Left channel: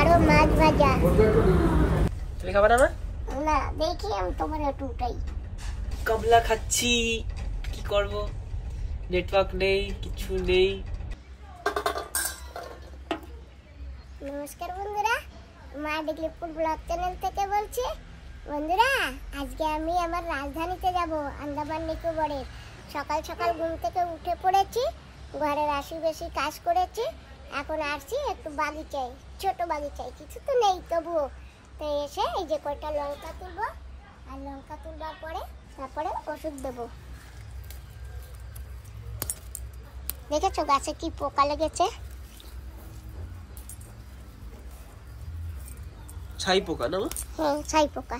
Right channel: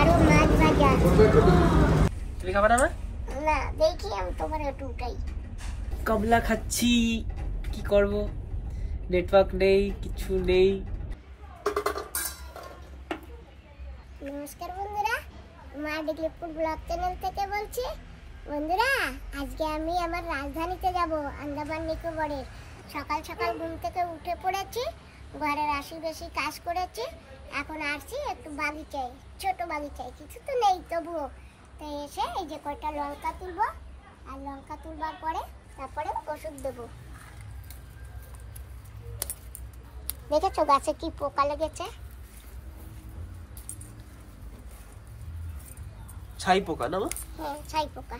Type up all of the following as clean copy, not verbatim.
আরো মাছ ভাজা। তুমি খাবে না? না দেখি আমি তোমার একটু উঠাই। কবলা খাচ্ছি, কি করব, নেটওয়ার্ক নেই, কিছু নেই। নমস্কার বন্ধুরা, মা ডিগ্লিপুর ব্লগ চ্যানেল থেকে বলছি। বন্ধুরা, আজকে আমি আমার রাজধানীতে যাব, আন্দামান নিকোবরের। সকাল সকাল ঘুম থেকে উঠে পড়েছি, ঘরের আশি কাজ করেছি, এখন আসছি একটু বাগিচায়, ছোট বাগিচায়, কিছু তো নেই তবুও। তো এসে এই যে কয়টা লঙ্কা তুলবো, আর লঙ্কা তুলবার পরে তারপরে ওষুধ দেবো। দেখেছো গাছে কি পোকা লেগেছে? ছাই পোকা না? হ্যাঁ, ছাই পোকা।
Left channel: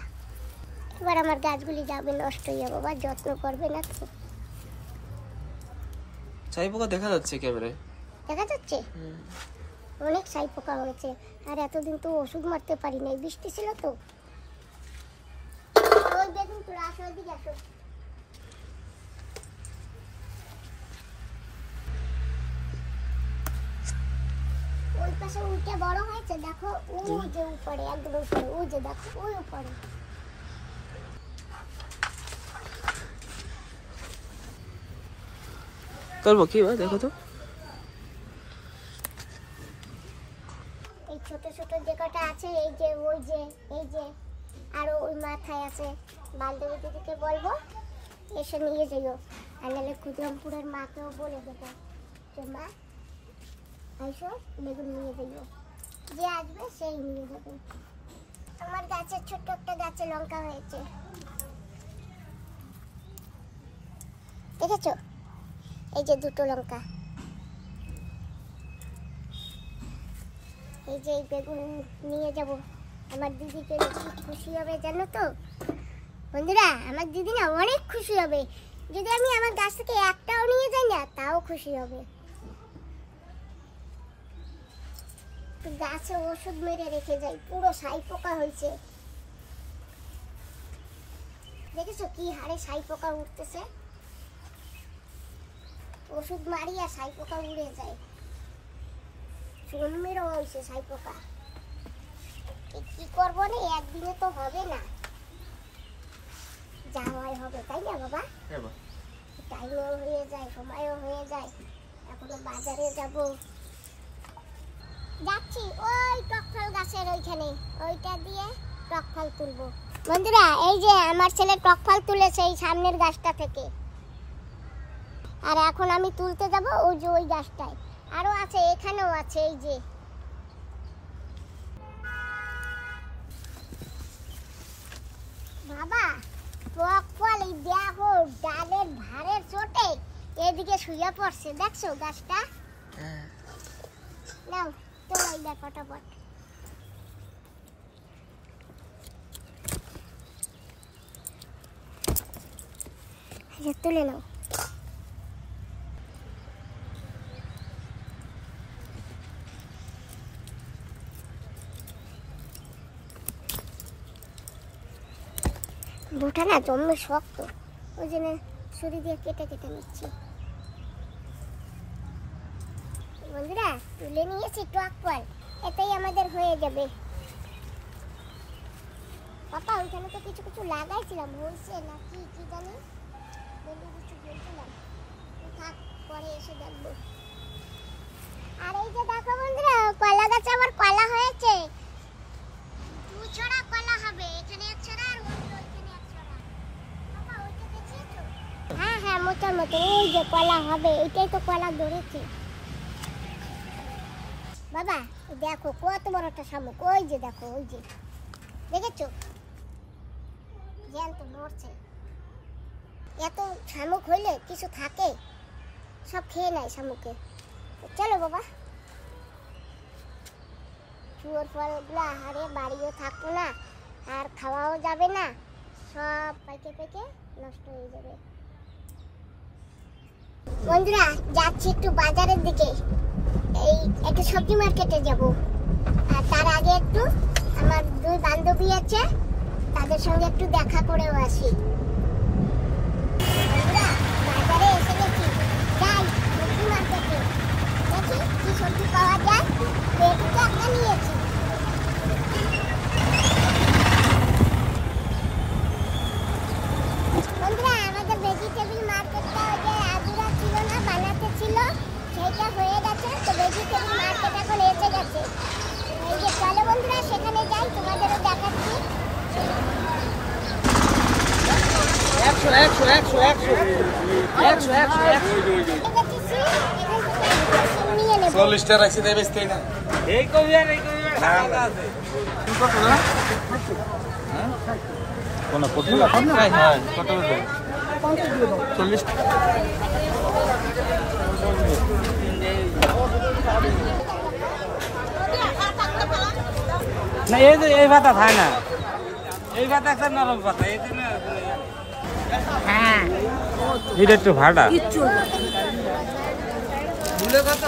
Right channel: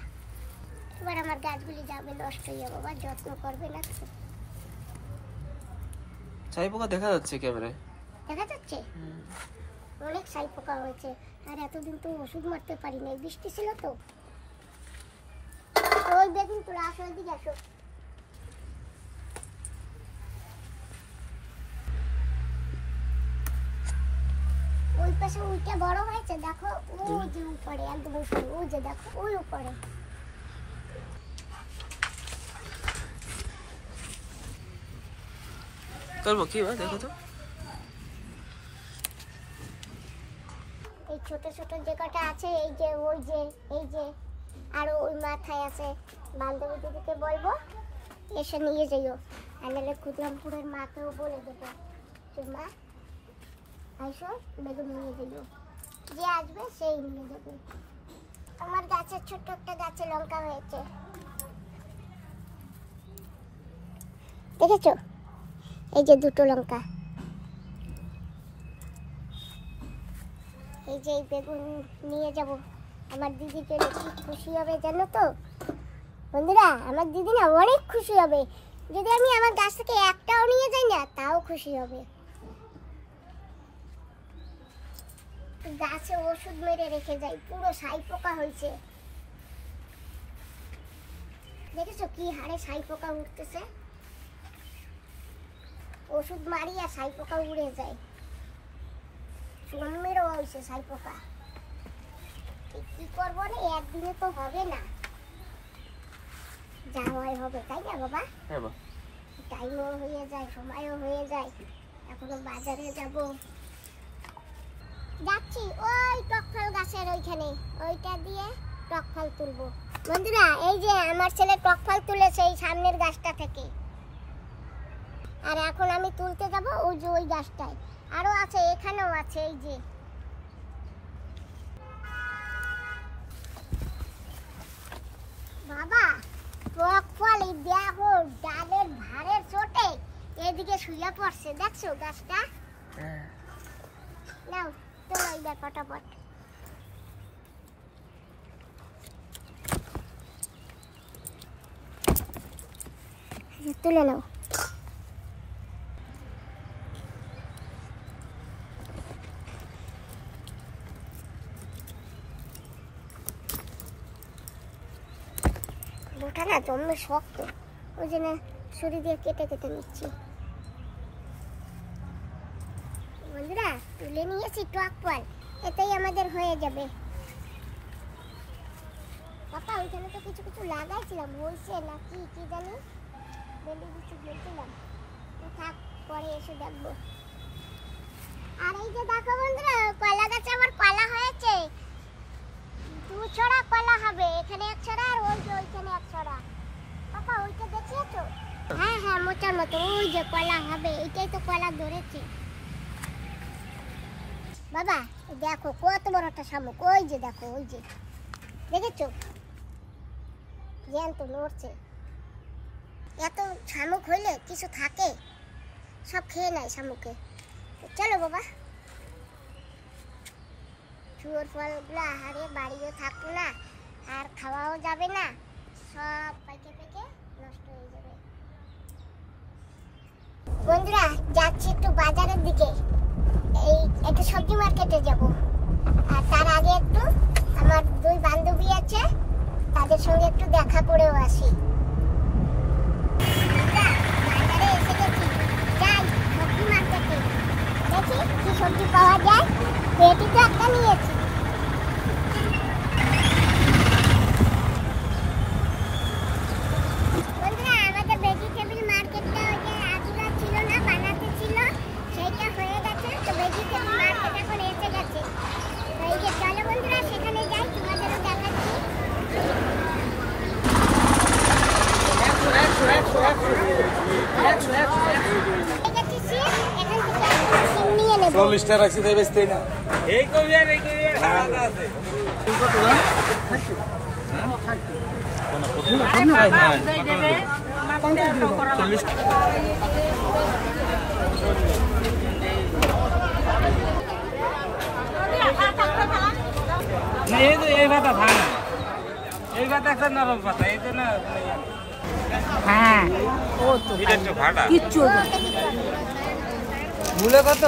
এবার আমার গাছগুলি যাবে, নষ্ট হয়ে যাবে, বা যত্ন করবে না তো। ছাই পোকা দেখা যাচ্ছে ক্যামেরায়, দেখা যাচ্ছে অনেক ছাই পোকা হয়েছে। আর এতদিন তো ওষুধ মারতে পারি নাই, বৃষ্টি ছিল তো। ওই দেখুন, তোরা আসো, ওদিকে আসো। ওই পাশে উইটা বড় হয়েছে, দেখো ওই যে উপরে, একদম উপরে, ওই যে দেখো ওই উপরে। করবো কি ভাই, দেখো তো। এই ছোট ছোট যে কটা আছে, এই যে ওই যে, এই যে আরো ওই মাথায় আছে। বান্ধবী দিদিকে বলবো এসে নিয়ে যাইও, আর নাহলে ক্ষুদিরামপুরের মাকেও বলে দেবো যে মা আইসো, বেগুন নিয়ে যাইও। যে আসবে সেই নিয়ে যাবে। আমার গাছের ছোট্ট একটা গাছে লঙ্কা হয়েছে, দেখেছো? এই যে দুটো লঙ্কা। এই যে বেগুন নিয়ে যাব, আমার দিদি পেলে কি খুশি হবে জানো তো বন্ধুরা? আমার দিদি না অনেক খুশি হবে। যদি আমি আমার গাছ থেকে একটাও নিয়ে যাই না, তাও খুশি হবে। গাছে ওষুধ মেরে রেখে যাই, পুরো ছাই পোকা হয়েছে। দেখেছো কি হারে ছাই পোকা উঠতেছে? ওষুধ মারি আর ছাই পোকা উড়ে যায়। মেরো হয়েছে ছাই পোকা। কি করবো না, একদিনে তো হবে না, যাওয়াই হবে, তাই না বাবা? হ্যাঁ মা। টাইমও হয়ে যায়, সময়ও হয়ে যায়, এখনো বাজারে যাব। যাচ্ছি ওই টকফল গাছের ওইখানে, ওইটা দিয়ে টকফল তুলবো। বন্ধুরা, এই যে আমার ছেলে টকফল তুলেছে এই সামনের গাছটা থেকে, আর এখন আমি তুলতে যাব ওই যে ওই গাছটায়। আরো আছে, এখানেও আছে, এই যে। বাবা, টকফল দেখো ডালের ভারের চোটে এদিকে শুয়ে পড়ছে, দেখছো গাছটা? নাও তোলো এইবার ফটাফট। তুলে নাও। দুটা না জমে শক্ত, ওই জন্য ছুরি দিয়ে কেটে কেটে নিচ্ছি। বন্ধুরা, তুলে নিয়েছি টকফল, এতেই আমাদের হয়ে যাবে। পাপা, ওইখানে তো কিছু কিছু লাগাইছিলাম, হয়েছে না কি কি জানি, বেলে কিছু বলছিলাম, থাক পরে এসে দেখবো। আর এই যে দেখো বন্ধুরা, কলা গাছে আবার কলা হয়েছে। দু ছড়া কলা হবে, এখানে এক ছড়া আর ওই যে ওইখানে এক ছড়া। পাপা, ওইটা দেখিয়েছো? হ্যাঁ হ্যাঁ, মোটার মতো ওই যে কলা হবে, এটাই তো কলা ধরেছে। বাবা দেখো কত বড় একটা শামুক, ওই যে দেখো, ওই যে দেখেছো? জ্যান্ত নড়ছে। এত শামুক হইলে কিছু থাকে, সব খেয়ে নেয় শামুকে। চলো বাবা, শুয়োর ফলগুলো আহারে বাড়িও থাকবে না, আর খাওয়াও যাবে না, সব পেকে পেকে নষ্ট হয়ে যাবে। বন্ধুরা, যাচ্ছি একটু বাজারের দিকে, এই একটু সবজি মার্কেটে যাব। আর তার আগে একটু আমার দুই বান্ধবী আছে, তাদের সঙ্গে একটু দেখা করেও আসি। বন্ধুরা, বাজারে এসে গেছি, যাই সবজি মার্কেটে, দেখি কি সবজি পাওয়া যায়। পেটি তো একটা নিয়েছি, মার্কেট এখন এসে গেছে। এই যে চলো বন্ধুরা সেখানে যাই, তোমাদেরও দেখাচ্ছি। না এই পাতা খায় না, এই পাতা একটা নরম পাতা, এই জন্য এটা একটু ভাড়া মূল্য কত?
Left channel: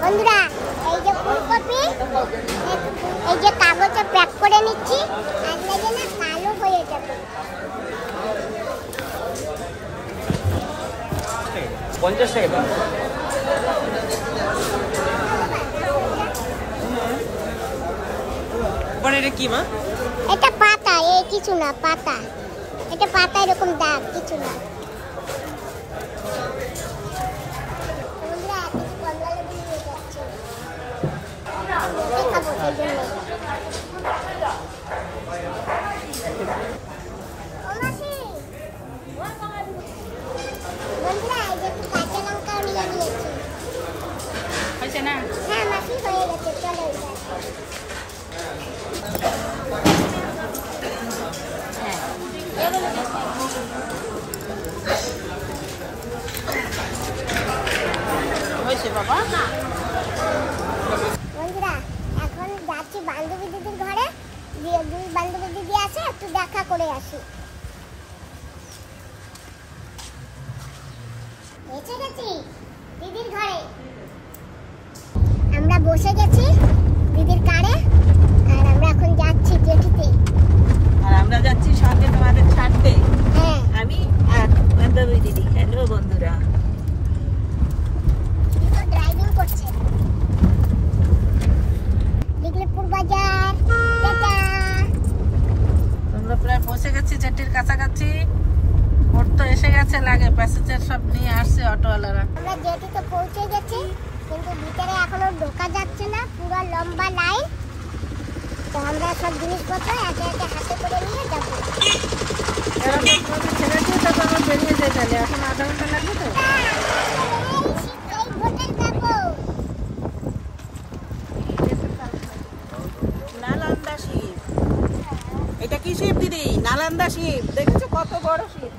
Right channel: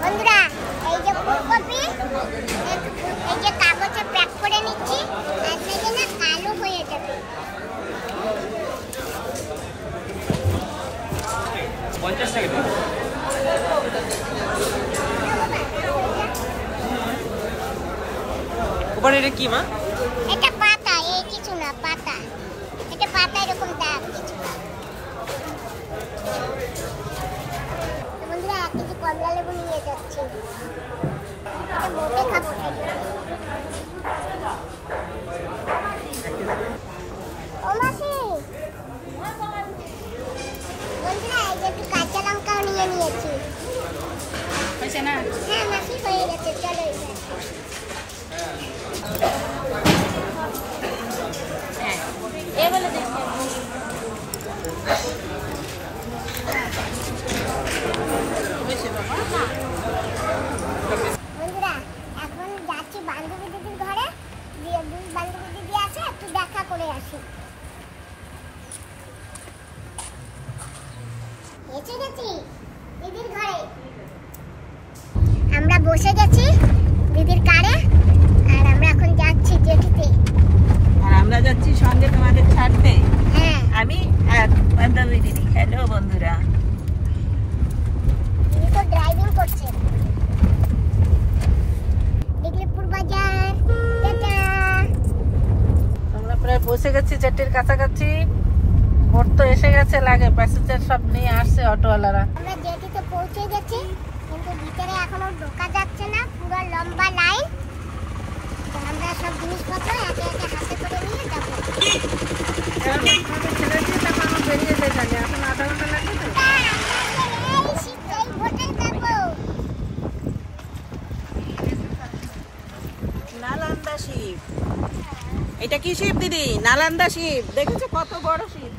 বন্ধুরা এই যে ফুলকপি, এই যে কাগজে প্যাক করে নিচ্ছি, আজকে না কালো হয়ে যাবে। 50 টাকা। ওখানে এটা কি মা? এটা পাতা, এই কিছু না, পাতা। এটা পাতা এরকম দাগ, কিছু না। বন্ধুরা কিছু কমলা লেবু নিয়ে যাচ্ছে, এটা বসে খাবো সেই জন্য। ও মাসি, বন্ধুরা এই যে একটু কাঁচা লঙ্কাও নিয়ে নিয়েছি। হয়েছে না? হ্যাঁ মাসি হয়ে গেছে, চলো এবার। বন্ধুরা এখন যাচ্ছি বান্ধবী দিদির ঘরে, দুই বান্ধবী দিদি আছে, একটু দেখা করে আসি। এসে গেছি দিদির ঘরে, আমরা বসে গেছি দিদির কারে, আর আমরা এখন যাচ্ছি জেঠিতে। আর আমরা যাচ্ছি সঙ্গে তোমাদের ছাড়তে। হ্যাঁ আমি আর বান্ধবী দিদি। হ্যালো বন্ধুরা, দিদি তো ড্রাইভিং করছে। দিগলিপুর বাজার, টাটা। আমরা প্রায় পৌঁছে গেছি জেটির কাছাকাছি। ভোট তো এসে গেছে, লাগে প্যাসেঞ্জার সব নিয়ে আসছে অটোওয়ালারা। আমরা জেটিতে পৌঁছে গেছি, কিন্তু ভিতরে এখনো ঢোকা যাচ্ছে না, পুরো লম্বা লাইন। তো আমরা সব জিনিসপত্র একে একে হাতে করে নিয়ে যাবো। ছেড়ে দিয়ে তারপর আমরা বেরিয়ে যাই, তাহলে এখন আধা ঘন্টা লাগবে তো। এই ভোটে যাবো। নালন্দা শিপ, এটা কি শিপ দিদি? নালন্দা শিপ, দেখেছো কত বড় শিপ?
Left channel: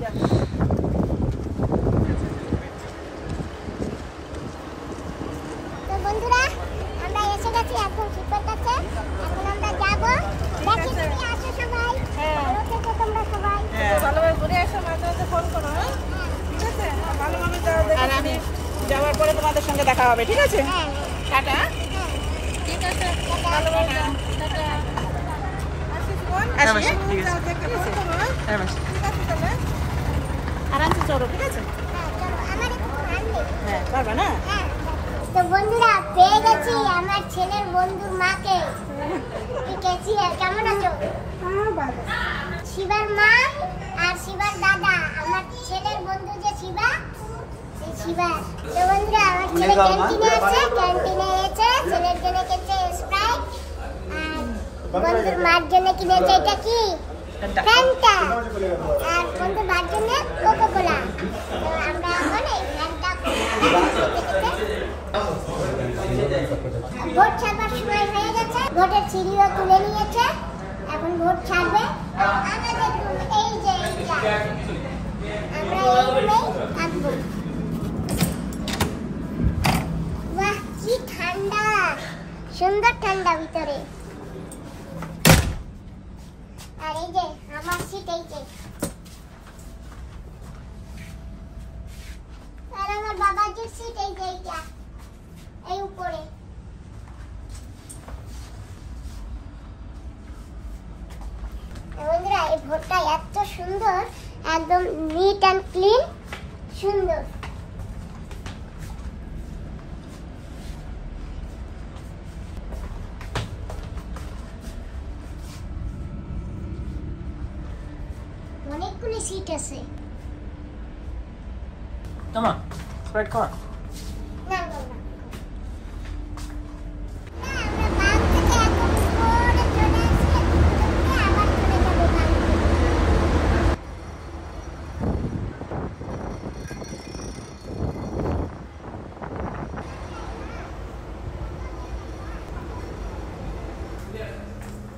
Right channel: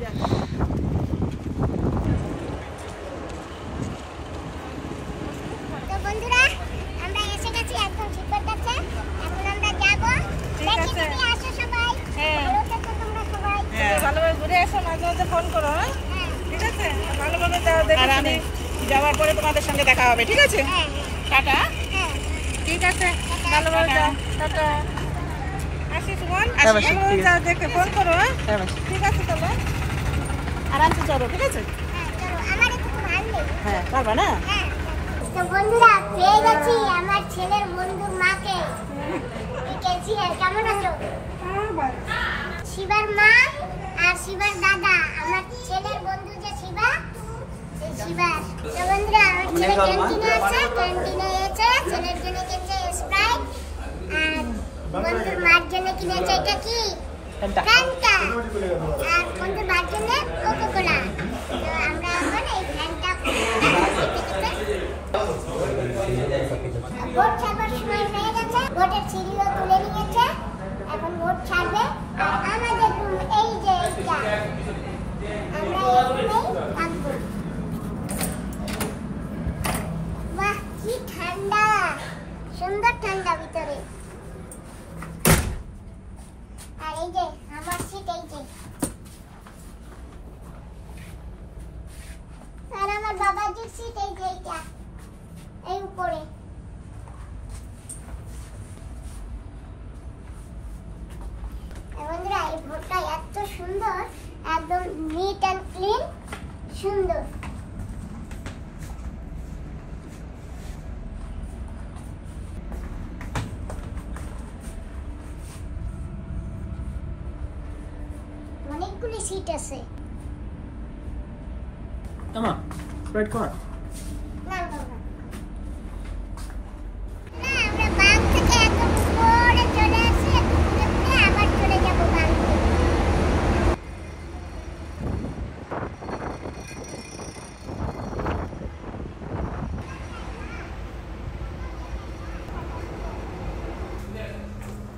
তো বন্ধুরা আমরা এসে গেছি একদম শিপের কাছে, এখন আমরা যাবো। দেখি তুমি আসো সবাই, ভালো থেকো তোমরা সবাই। ভালোভাবে ঘুরে এসো, মাঝে মাঝে ফোন করো। হ্যাঁ হ্যাঁ ঠিক আছে, ভালোভাবে আর আমি যাওয়ার পরে তোমাদের সঙ্গে দেখা হবে, ঠিক আছে? হ্যাঁ টাটা। হ্যাঁ। ঠিক আছে, ভালোভাবে যাও। টাটা। আসি সুমন, হ্যাঁ মাসি, ঠিক আছে। দেখে ফোন করো। হ্যাঁ মাসি। ঠিক আছে, তাহলে আরামসে চলো, ঠিক আছে? চলো, আমার একটু ভালো নেই। হ্যাঁ, পারবে না? হ্যাঁ। তো বন্ধুরা পেয়ে গেছি আমার ছেলের বন্ধুর মাকে। ঠিক আছে, কেমন আছো? শিবার মা আর শিবার দাদা, আমার ছেলের বন্ধু যে শিবা, সেই শিবার। তো বন্ধুরা আমার ছেলে ক্যান্টিনে আছে, ক্যান্টিনে এসে ছেলের জন্য কিনেছে স্প্রাইট, আর বন্ধুর মার জন্য কিনেছে এটা কি ফ্যান্টা, আর বন্ধুর মার জন্য কোকো কোলা। তো আমরা এখন এই ফ্যান্টা ভোট ছাড়বার সময় হয়ে গেছে, ভোটের সিঁড়িও তুলে নিয়েছে, এখন ভোট ছাড়বে। আর আমাদের এই যে এইটা, আমরা এইগুলোই থাকবো। বাহ কি ঠান্ডা, সুন্দর ঠান্ডা ভিতরে। আর এই যে আমার সিট, এই যে আর আমার বাবাজির সিট, এই যে এইটা, এই উপরে। বন্ধুরা এই ভোটটা এত সুন্দর, একদম নিট অ্যান্ড ক্লিন, সুন্দর। অনেকগুলো সিট আছে। মামা স্প্রাইট খাওয়া? না বাবা, না আমরা বাং থেকে এখন উপরে চলে আসি, একটু ঘুরে ঘুরে আবার চলে যাব বাং থেকে।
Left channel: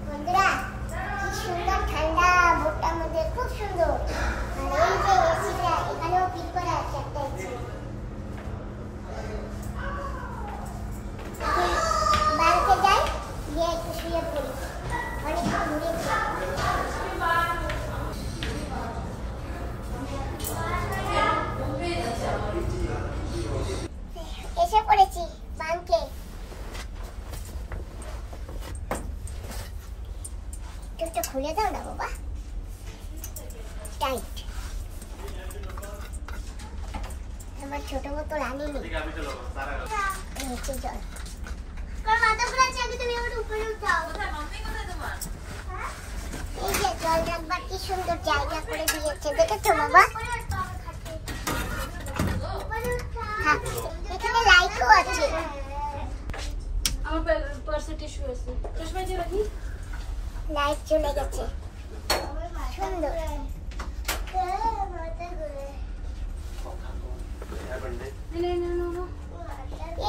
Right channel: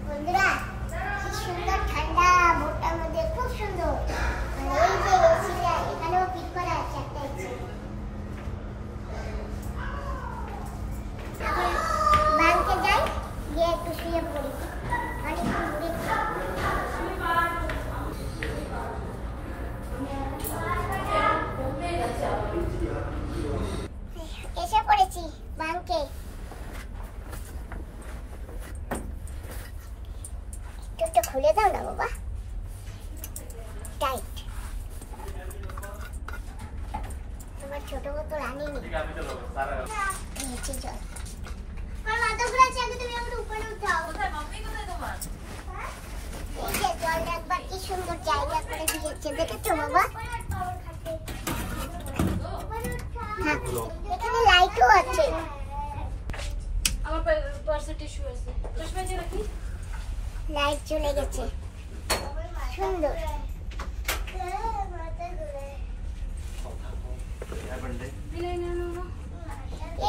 বন্ধুরা, কি সুন্দর ঠান্ডা ভোরটার মধ্যে, খুব সুন্দর। আর এই যে এসিটা এখানেও ফিট করা আছে একটা এসি। বাড়িতে যাই, গিয়ে একটু শুয়ে পড়ি, অনেকক্ষণ ঘুরেছি। এসে পড়েছি বাংকে। একটু খুলে দাও না বাবা, টাইট। আমার ছোট বোতল আনিনি, নিচে জল। এই যে জল রাখবার কি সুন্দর জায়গা করে দিয়েছে, দেখেছো বাবা? হ্যাঁ, এখানে লাইটও আছে। লাইট চলে গেছে, সুন্দর।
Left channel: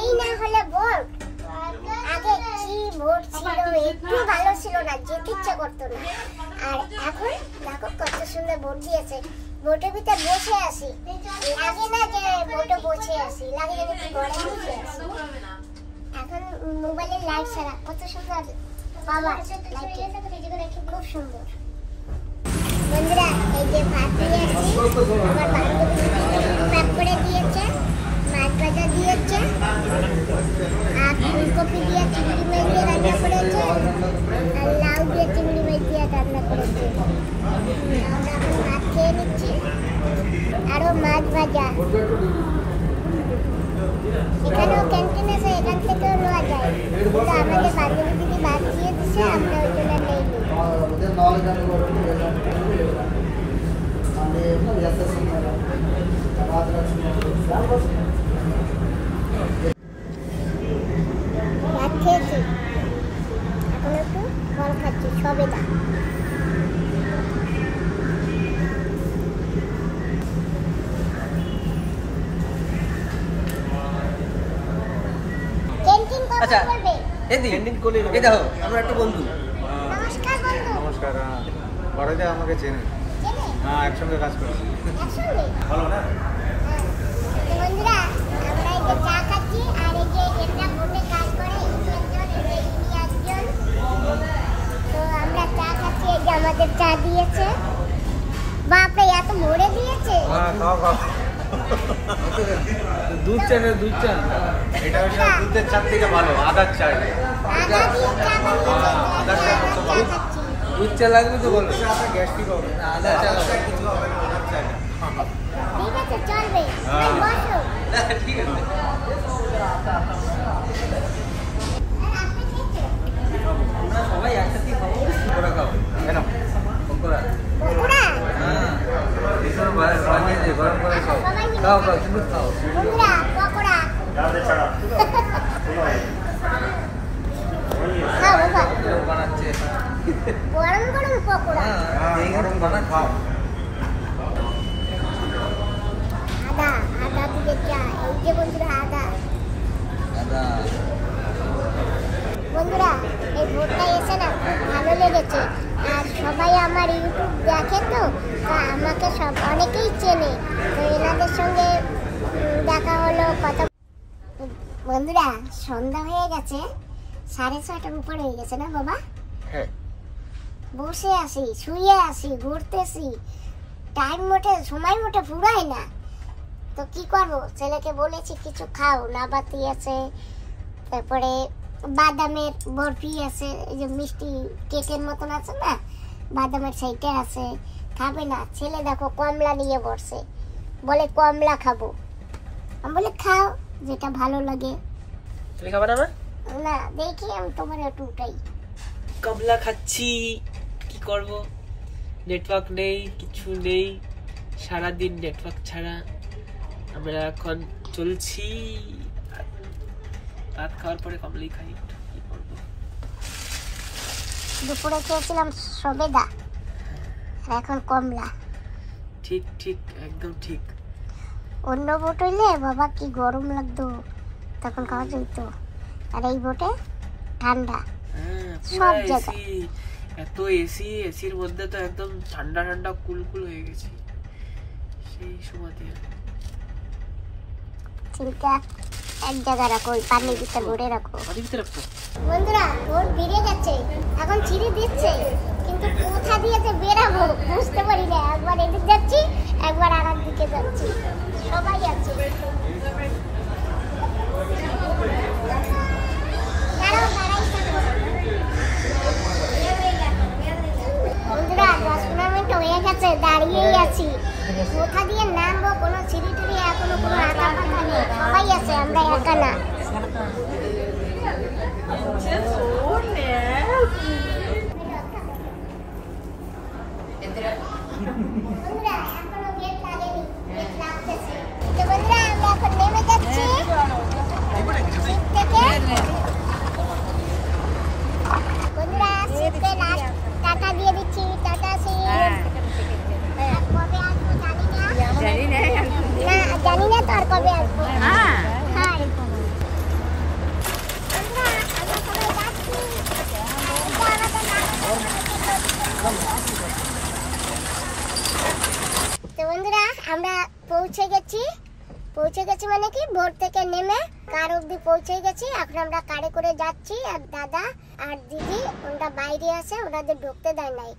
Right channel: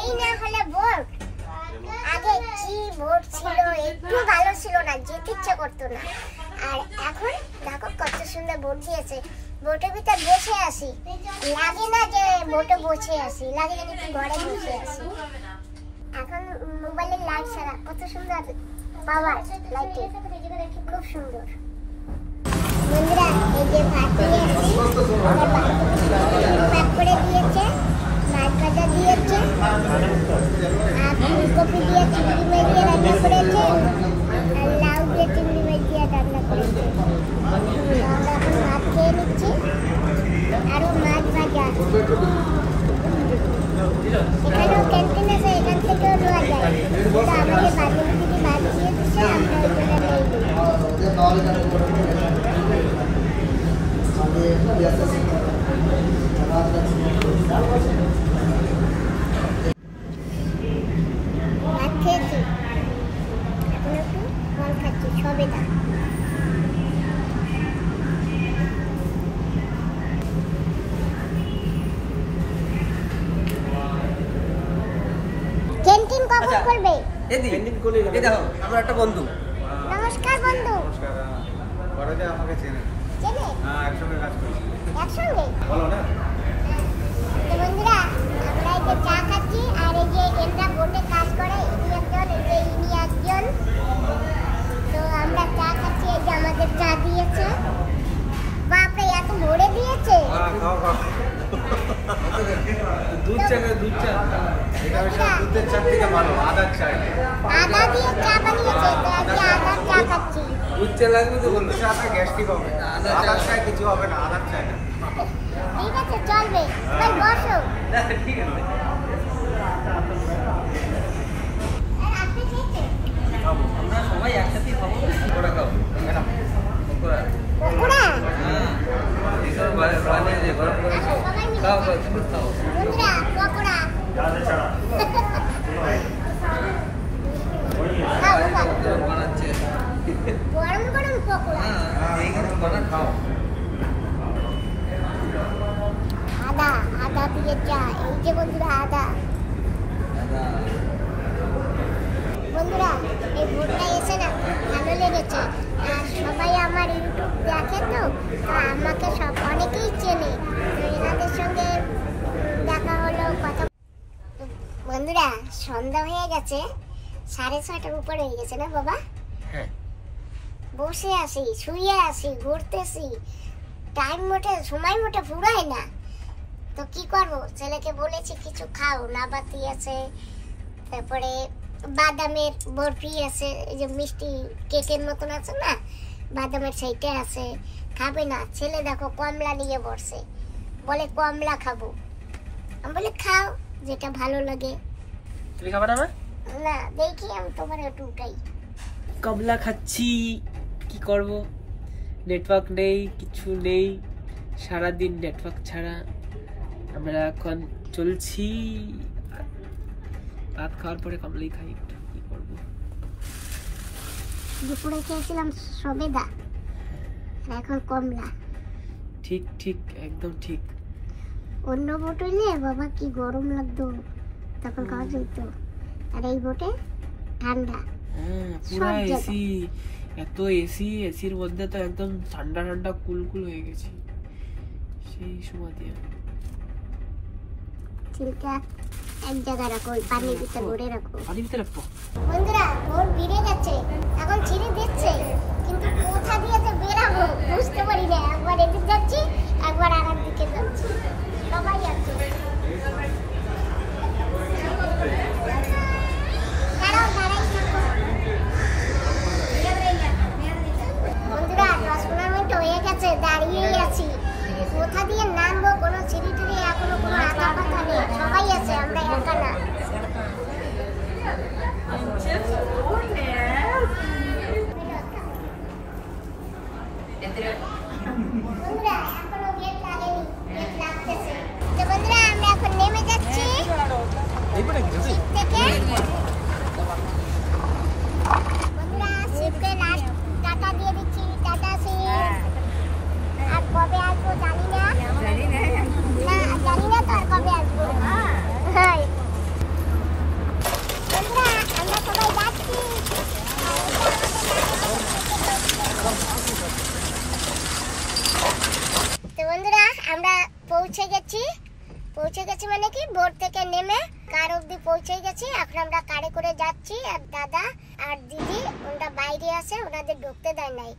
এই না হলে বোর্ড, আগে কি বোর্ড ছিল, একটু ভালো ছিল না, যেতে ইচ্ছা করতো না। আর এখন দেখো কত সুন্দর বোর্ড দিয়েছে। বোর্ডের ভিতরে বসে আসি, লাগে না যে বোর্ডে বসে আসি, লাগে যেন কি ঘরে বসে আসি। এখন মোবাইলের লাইট ছাড়া কত সুন্দর পাওয়ার লাইটে, খুব সুন্দর। বন্ধুরা, এই যে ভাত নিয়ে আসছি, আমার বান্ধবী ভাত করে দিয়েছে, মাছ ভাজা দিয়েছে, আর ফুলকপি দিয়ে চিংড়ি মাছ দিয়ে রান্না করেছে, আর লাউ দিয়ে চিংড়ি মাছ দিয়ে রান্না করেছে। আমরা এখন ভাত খেয়ে নিচ্ছি, আরো মাছ ভাজা। এখানেও ক্যান্টিন আছে, এখান থেকেও নেওয়া যায়, কিন্তু আমাদের বান্ধবী দিদি ভাত দিয়ে দিচ্ছে, আমরা ওই জন্য নেই। ভাত খেয়েছি, এখন একটু ফল খাচ্ছি, সবেদা। ক্যান্টিন কখন খুলবে? এই দেখো আমরা একটা বন্ধু। নমস্কার বন্ধু। নমস্কার। পরে যে আমাকে চেনে। চেনে? হ্যাঁ, একসঙ্গে কাজ করছি। একসঙ্গে? ভালো না? তো বন্ধুরা, আমরা এই যে চা খাচ্ছি, আর এই যে এনরা বোটে কাজ করে, ইনি একজন, এই যে ইনি একজন। তো আমরা চা খাচ্ছি, এই যে আমাদের চা দিয়েছে। বাপরে, এত ভরে দিয়েছে। দুধ চা খাও, দুধ চা। এটা হচ্ছে দুধের চা থেকে ভালো, আদার চা। আদা দিয়ে চা বানিয়েছে, তো আজকে আদার চা খাচ্ছি। দুধ চা লাগবে তো বলবে। আপনার গ্যাস্ট্রিক হবে, আদার চা কিছু হবে না, আদার চা। ঠিক আছে, চলবে। ভাই বসো। না ঠিক আছে। আপনি খেয়েছেন? আমরা সবাই একসাথেই খাবো। পকোড়া খাবো। ম্যাডাম পকোড়া। পকোড়া? হ্যাঁ। ভীষণ বানিয়ে দে, গরম করে খাও। সবাই মিলে খাও খাই। খাও, তুমি খাও। বন্ধুরা, পকোড়া। বানাচ্ছে। গরম গরম পকোড়া। হ্যাঁ, এই গরম বানাচ্ছে। খাও। আদা, আদা দিয়ে চা। এই যে বন্ধুরা, আদা। বন্ধুরা, এই ভোটটা এসে না খুব ভালো লেগেছে। আর সবাই আমার ইউটিউব দেখে, তো আমাকে সব অনেকেই চেনে। তো এনাদের সঙ্গে দেখা হলো, কথা। বন্ধুরা, সন্ধ্যা হয়ে গেছে, 6:30টার উপর হয়ে গেছে না বাবা? হ্যাঁ। বসে আসি, শুয়ে আসি, ঘুরতেছি, টাইম মোটে, সময় মোটে ফুরায় না। তো কি করবো, ছেলেকে বলেছি কিছু খাও, নাবাতি আছে, তারপরে বাদামের বরফি আছে, এই যে মিষ্টি কেকের মতন আছে না, বাদামের সেইটা আছে। খাবে না ছেলে, দেখো কমলা নিয়ে বসে, বলে কমলা খাবো। আমি বলে খাও, যেটা ভালো লাগে। তুমি খাবে না? না, দেখি আমি তোমার একটু উঠাই। কমলা খাচ্ছি, কি করব, নেটওয়ার্ক নেই, কিছু নেই, সারাদিন নেটওয়ার্ক ছাড়া আমরা এখন চলছি। ভাত খাওয়ার পরে কমলাই খাই, কি করবো। দুপুরে খেয়েছিলাম সবেদা আর এখন কমলা। ঠিক ঠিক, একদম ঠিক। অন্য বোট হইলে বাবা কি গরম লাগতো, তখন খাওয়া যেত। আর এই বোটে ঠান্ডা, পুরো এসি, এত এসি, এসির মধ্যে তো একদম ঠান্ডা ঠান্ডা কুলকুল হয়ে গেছি সেই সময়তে। চিন্তা এক জায়গায় রাখো, পানির ভিতর ভরে রাখো। পানির ভিতরে রাখবো। বন্ধুরা ভোর বেড়ে গেছে, এখন ছিঁড়ে দিচ্ছে, কিন্তু কোথা দিয়ে যে বেরাবো বুঝতে পারি না। একবার এদিক যাচ্ছি, একবার আর এক দিকে যাচ্ছি, সবাই আছে। বন্ধুরা 10-15 মিনিট হয়ে গেছে, দাঁড়িয়েই আছি। কোথা দিয়ে নামবো, কোনো সিঁড়ি টিড়ি এখনো কোনো আঁকা পাতা নেই, সবাই আছে, আমরা একা না। বন্ধুরা এখনো গেট লাগেনি, গেট লাগতেছে। তো বন্ধুরা আমরা এখন নেমে যাচ্ছি সিট থেকে। বন্ধুরা সিটকে লাস্ট টাটা দিয়ে দিচ্ছি, টাটা সিট। আর কবে আসবো জানি না, জানি না তো আর কবে আসবো। হ্যাঁ বন্ধুরা আমরা সবাই যাচ্ছি। তো বন্ধুরা আমরা পৌঁছে গেছি মানে কি ভোর থেকে নেমে কার অব্দি পৌঁছে গেছি। এখন আমরা কারে করে যাচ্ছি, আর দাদা আর দিদি ওরা বাইরে আছে, ওনাদের ঢুকতে দেয় নাই,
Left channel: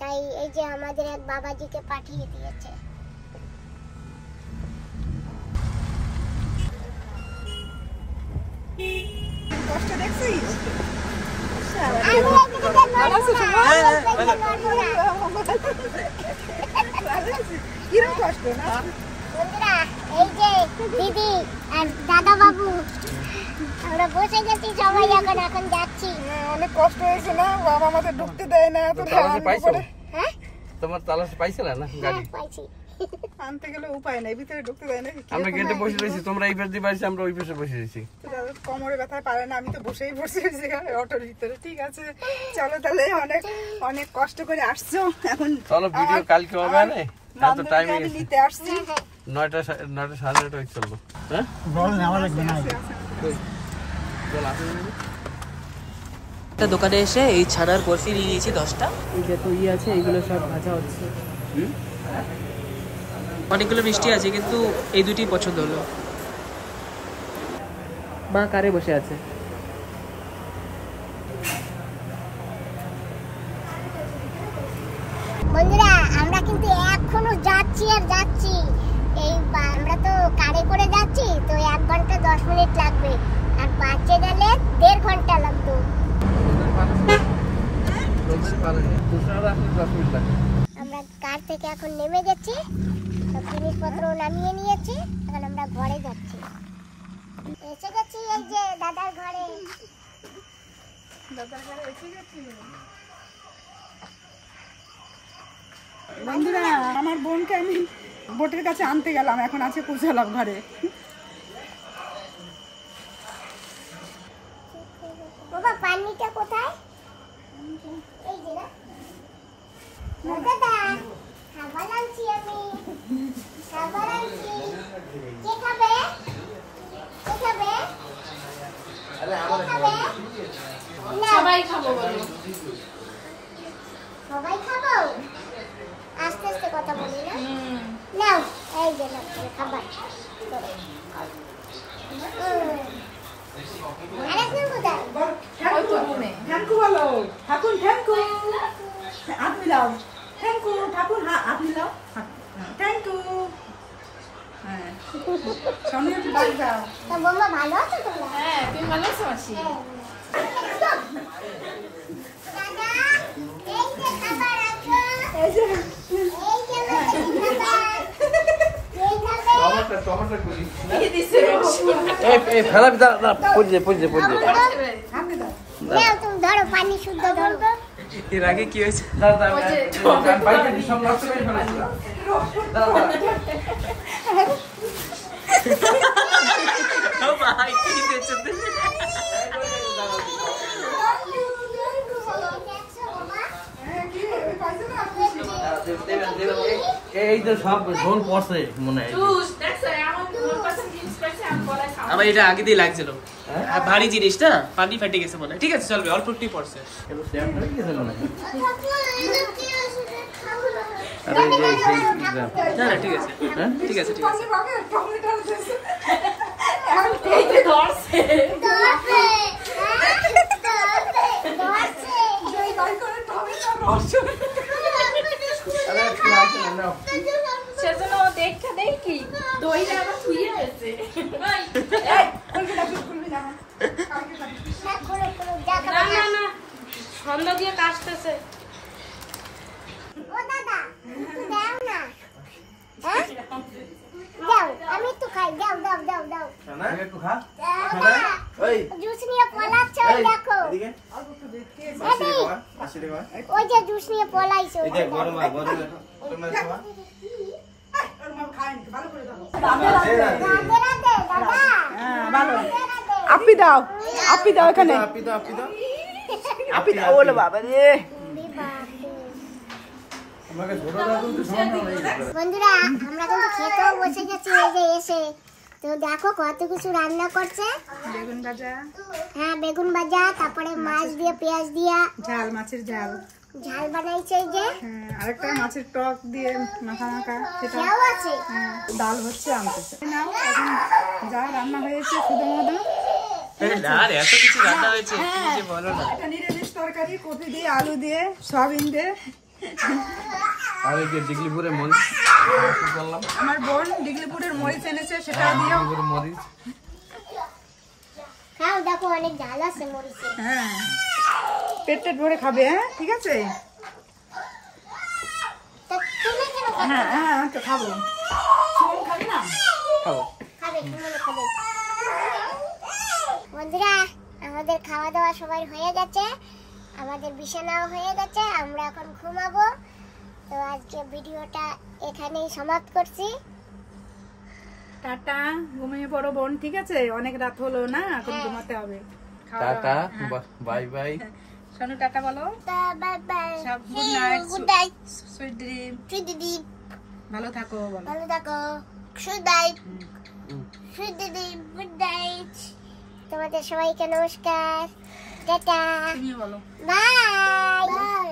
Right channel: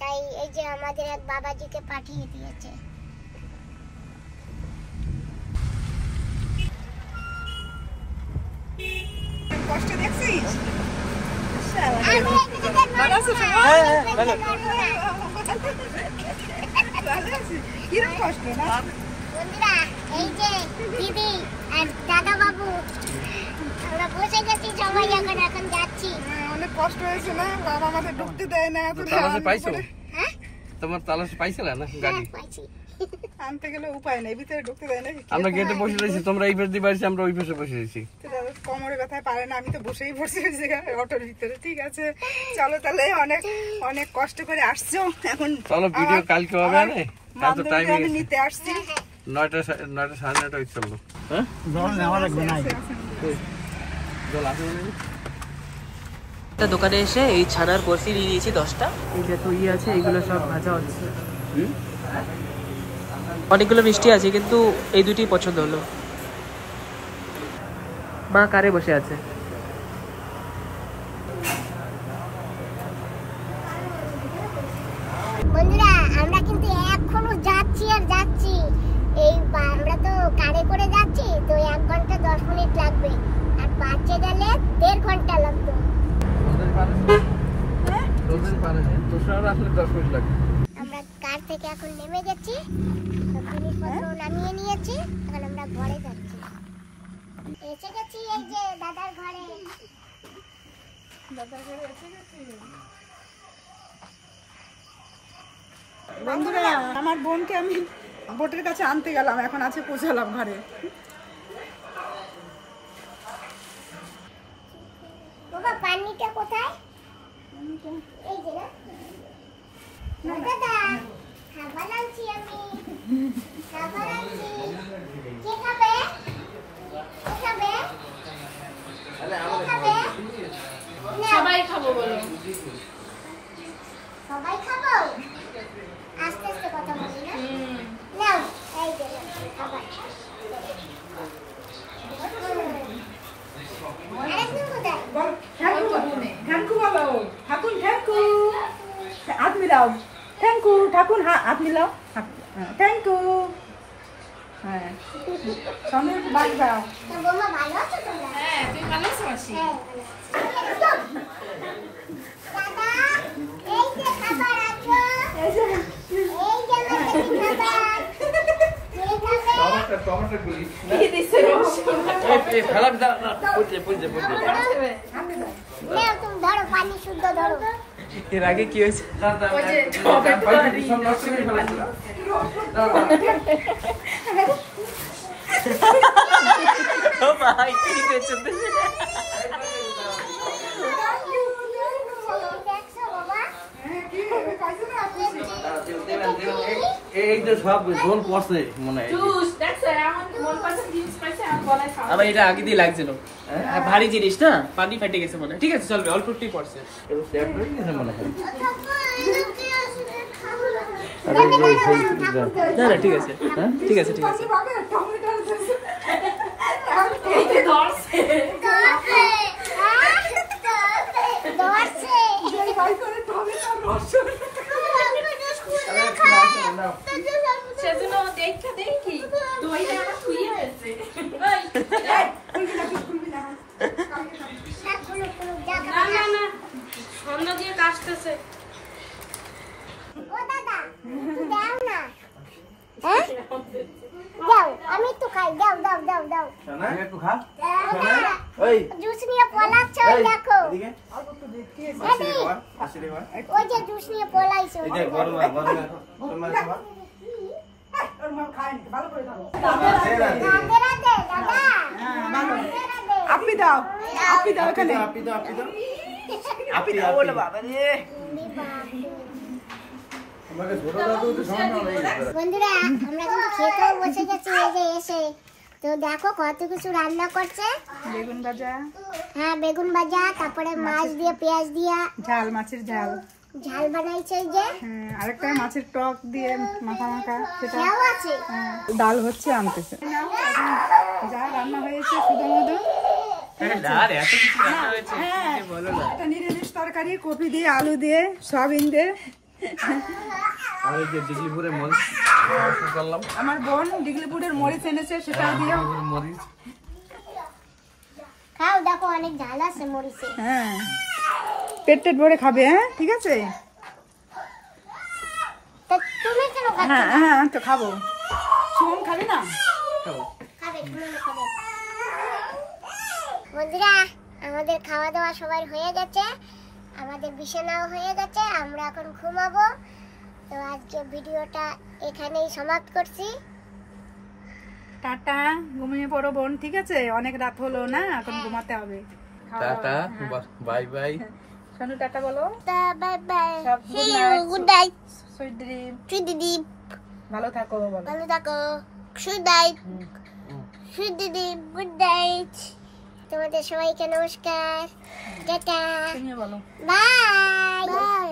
তাই এই যে আমাদের এক বাবাজিকে পাঠিয়ে দিয়েছে। কষ্ট দেখছিস? কিরকম কষ্ট না বন্ধুরা, এই যে দিদি আর দাদা বাবু আমরা বসে গেছি সবাই, এখন যাচ্ছি। অনেক কষ্ট হয়েছে না, বাবা আমাদের ঢুকতে দেয় না। এত হ্যাঁ তোমার তালাশ পাইছিল না গাড়ি? পাইছি। আনতে গেলে উপায় নেই, ভিতরে ঢুকতে দেয় না। আমরা গেটে বসে রয়েছি, তোমরা এই পাশে দিয়ে বাড়িছি, আমরা ওই পাশে বসে রয়েছি। কোমরে ব্যথায় পারে না, আমি তো বসেই পড়ছি অটোর ভিতরে। ঠিক আছে চলো তাহলে, অনেক অনেক কষ্ট করে আসছো। এখন চলো ভিডিও কালকে হবে না, এত টাইম আমি নিতে আসছি। 9টা 9:30 হয়ে চললো। হ্যাঁ জল নেওয়া লাগবে না। জল আসে না? একটা দোকানে এসে এই ছানার বরফি নিয়ে নিয়েছি 10টা। এই যত আছে এইগুলো সব ভাজা হচ্ছে। অনেকগুলো মিষ্টি আছে, কিন্তু এই দুটি পছন্দ হলো। মা কারে বসে আছে। বন্ধুরা আমরা কিন্তু এখনো যাচ্ছি আর যাচ্ছি। এই আমরা তো কারে করে যাচ্ছি, তো 1 ঘন্টা 10 মিনিট লাগবে, আর বাচ্চা গেলে 1.5 ঘন্টা লাগতো। আমরা কার থেকে এখন নেমে গেছি, জিনিসপত্র নামিয়ে নিয়েছি, এখন আমরা ঘরে যাচ্ছি। এসে গেছি এই যে দাদার ঘরে। বন্ধুরা আমার বোনকে আমি বোটের কাছে আনতে গেলাম, এখন আছে পৌঁছালাম ঘরে। বাবা পানিটা কোথায়? এই যে না দাদা, খাবার আনছি আমি, খাবার আনছি। কে খাবে? কে খাবে? সবাই খাবো বলো। সবাই খাবো? আস্তে আস্তে কথা বলি না? নাও এই যে খাবার। আরেকজন কোথায়? থ্যাংকু বলো, ঠাকুর থ্যাংকু, হাত মিলাও। থ্যাংকু ঠাকুর, হাত মিলাও। থ্যাংকু। হ্যাঁ সামনে ডাক দাও। তা বৌমা ভালো আছো তোমরা? হ্যাঁ তুমি ভালো আছো মাসি? দাদা এই যে খাবার আছে, এই যে এই যে খাবার। এই খাবে? টমেটো গুলি এই দিছে এই ফেলা বিদা না, পড়ে নাও তুমি ধরো, পানি শুদ্ধ ধরো। এর আগে কি হয়েছে? ও ভাই কি দেখছো? এই তো সব ঝোল পড়ছে মনে হয়। আবার এটা আগে দিয়ে লাগছিল, ভারী জিনিস না, পানি ফেটে গেছে মনে হয়। ঠিক আছে চলবে, অল্প একটুই পড়ছে। মনে হয় না না ঠিক আছে, হ্যাঁ ঠিক আছে ঠিক আছে। আমি তো খাই, দাও দাও দাও দাও একটু খা। জুস নিয়ে পলাচ্ছ, দেখো ওই যে জুস নিয়ে পলাইছো। আপনি দাও, আপনি দাও এখানে। বন্ধুরা আমরা কিন্তু খেতেও বসে গেছি, এই যে এসে তো দেখো কত কিছু রান্না করছে। বেগুন ভাজা, হ্যাঁ বেগুন ভাজা, তারপরে মাছ দিয়ে পেঁয়াজ দিয়া ঝাল, মাছের ঝাল, ঝাল বানাইছে এই যে, আরেকটা মাছের টক দিয়ে মাখা মাখা, সেটাও আছে। ডাল হচ্ছে আনতেছে। নাও এখন যা রান্না হয়েছে শুধু মধু। আরে এত কিছু রান্না হয়েছে যে বলো না। এটা নিরামিষ তরকারি, কপি দিয়ে, আলু দিয়ে, সয়াবিন দিয়ে। আরে যে দিগলিপুরের মরিচ করলাম, আমার বোন দিগলিপুরের মরিচ এনেছে, সেটা দিও। মরিচ খাও, দেখো অনেক ঝাল আছে মরিচে। হ্যাঁ পেট টেট ভরে খাবে, হ্যাঁ ঠিক আছে। তো তুমি কেন খাচ্ছ? হ্যাঁ হ্যাঁ তো খাবো। সুমন খাবে না? খাবো। খাবে, সুমনও খাবে। বন্ধুরা আমাদের খাওয়া দাওয়া সবাই হয়ে গেছে, আমাদের বিছানাও হয়ে গেছে, আমরা এখন ঘুমাবো। তো আজকে ভিডিওটা এখানেই সমাপ্ত করছি। টাটা, ঘুমিয়ে পড়ো বোন, ঠিক আছে। অনেক রাত হলো না, এখন ঘুমাতে হবে। Tata, bye bye. শোনো টাটা বলো। বাই বাই, সব good night. Good night, sweet dream, sweet দিদি, ভালো থাকো বলো। ভালো থাকো, গুড নাইট, সুইট দিদি, গুড নাইট। তোমাদের সবাইকে নমস্কার, টাটা, তুমিও বলো। Bye bye.